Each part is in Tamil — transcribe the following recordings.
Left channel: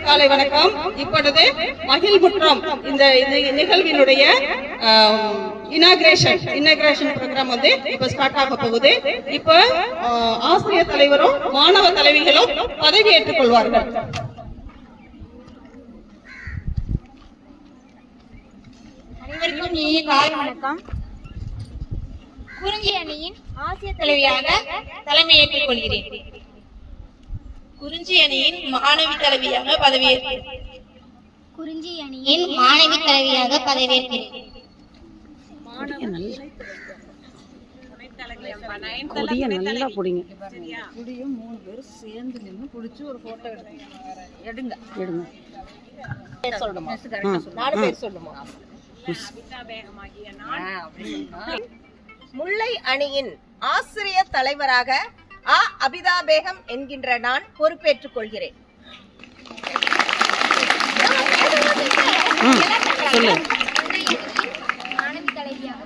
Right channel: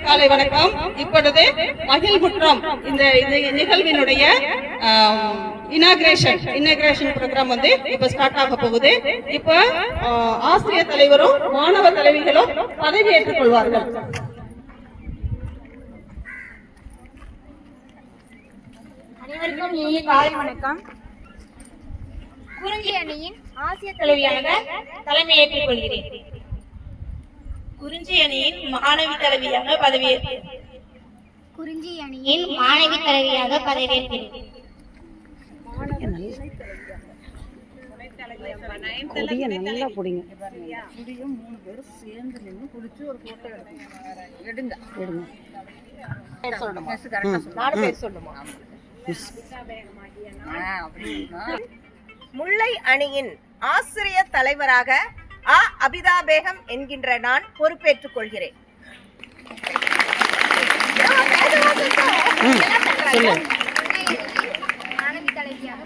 காலை வணக்கம். இப்பொழுது மகிழ் குற்றம் இந்த நிகழ்வினுடைய இனாகிரேஷன் இனாகிரேஷன் ப்ரோக்ராம் வந்து இப்ப ஸ்டார்ட் ஆக போகுது. இப்ப ஆசிரியர் தலைவரும் மாணவ தலைவிகளும் பதவி ஏற்றுக் கொள்வார்கள். அனைவருக்கும் இனிய காலை வணக்கம். குறிஞ்சி அணியின் ஆசிய தலைவியாக தலைமையேற்றுக் கொள்கிறேன். குறிஞ்சி அணியின் மாணவி தலைவியாக பதவியேற்கிறேன் குறிஞ்சி அணியின் மாணவி தலைவியாக பதவியேற்கிறேன் கொடிய நல்லா பிடிங்க. எடுங்க முல்லை அணியின் ஆசிரியர் தலைவராக அ அபிதா பேகம் என்கின்ற நான் பொறுப்பேற்றுக் கொள்கிறேன். தலைவியாக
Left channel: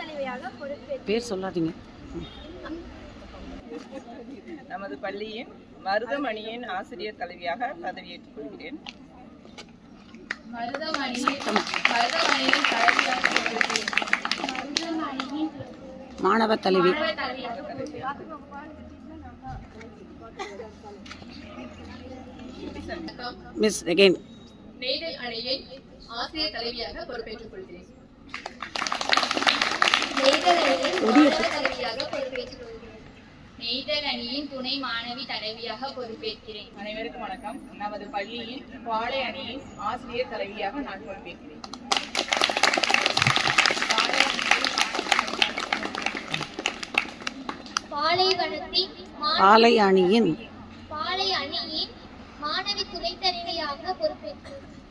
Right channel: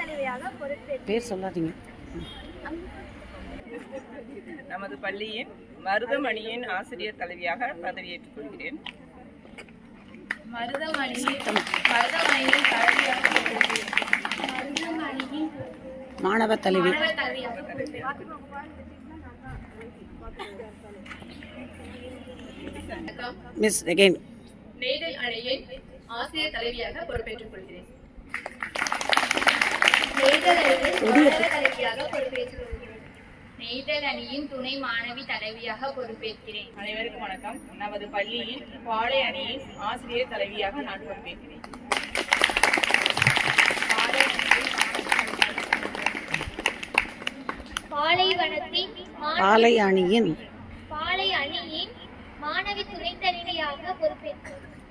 தலைவியாக பேர் சொல்லாதீங்க. நமது பள்ளியின் மருதமணியின் ஆசிரியர் தலைவியாக பதவியேற்றுக் கொள்கிறேன். மாணவ தலைவி. மிஸ் அகைன் நெய்தல் அணியின் ஆசிரியர் தலைவியாக பொறுப்பேற்றுக் கொள்கிறேன் நெய்தல் அணியின் மாணவ தலைவியாக பொறுப்பேற்றுக் கொள்கிறேன் நெய்தல் அணியின் துணை மாணவி தலைவியாக பொறுப்பேற்கிறேன். அனைவருக்கும் வணக்கம். நமது பள்ளியின் பாளை அணியின் ஆசிரியர் தலைவியாக நான் பொறுப்பேற்கிறேன். மா- பாலை அணியின் பாலை அணியின் மாணவி துணை தலைவியாக பொறுப்பேற்கிறேன்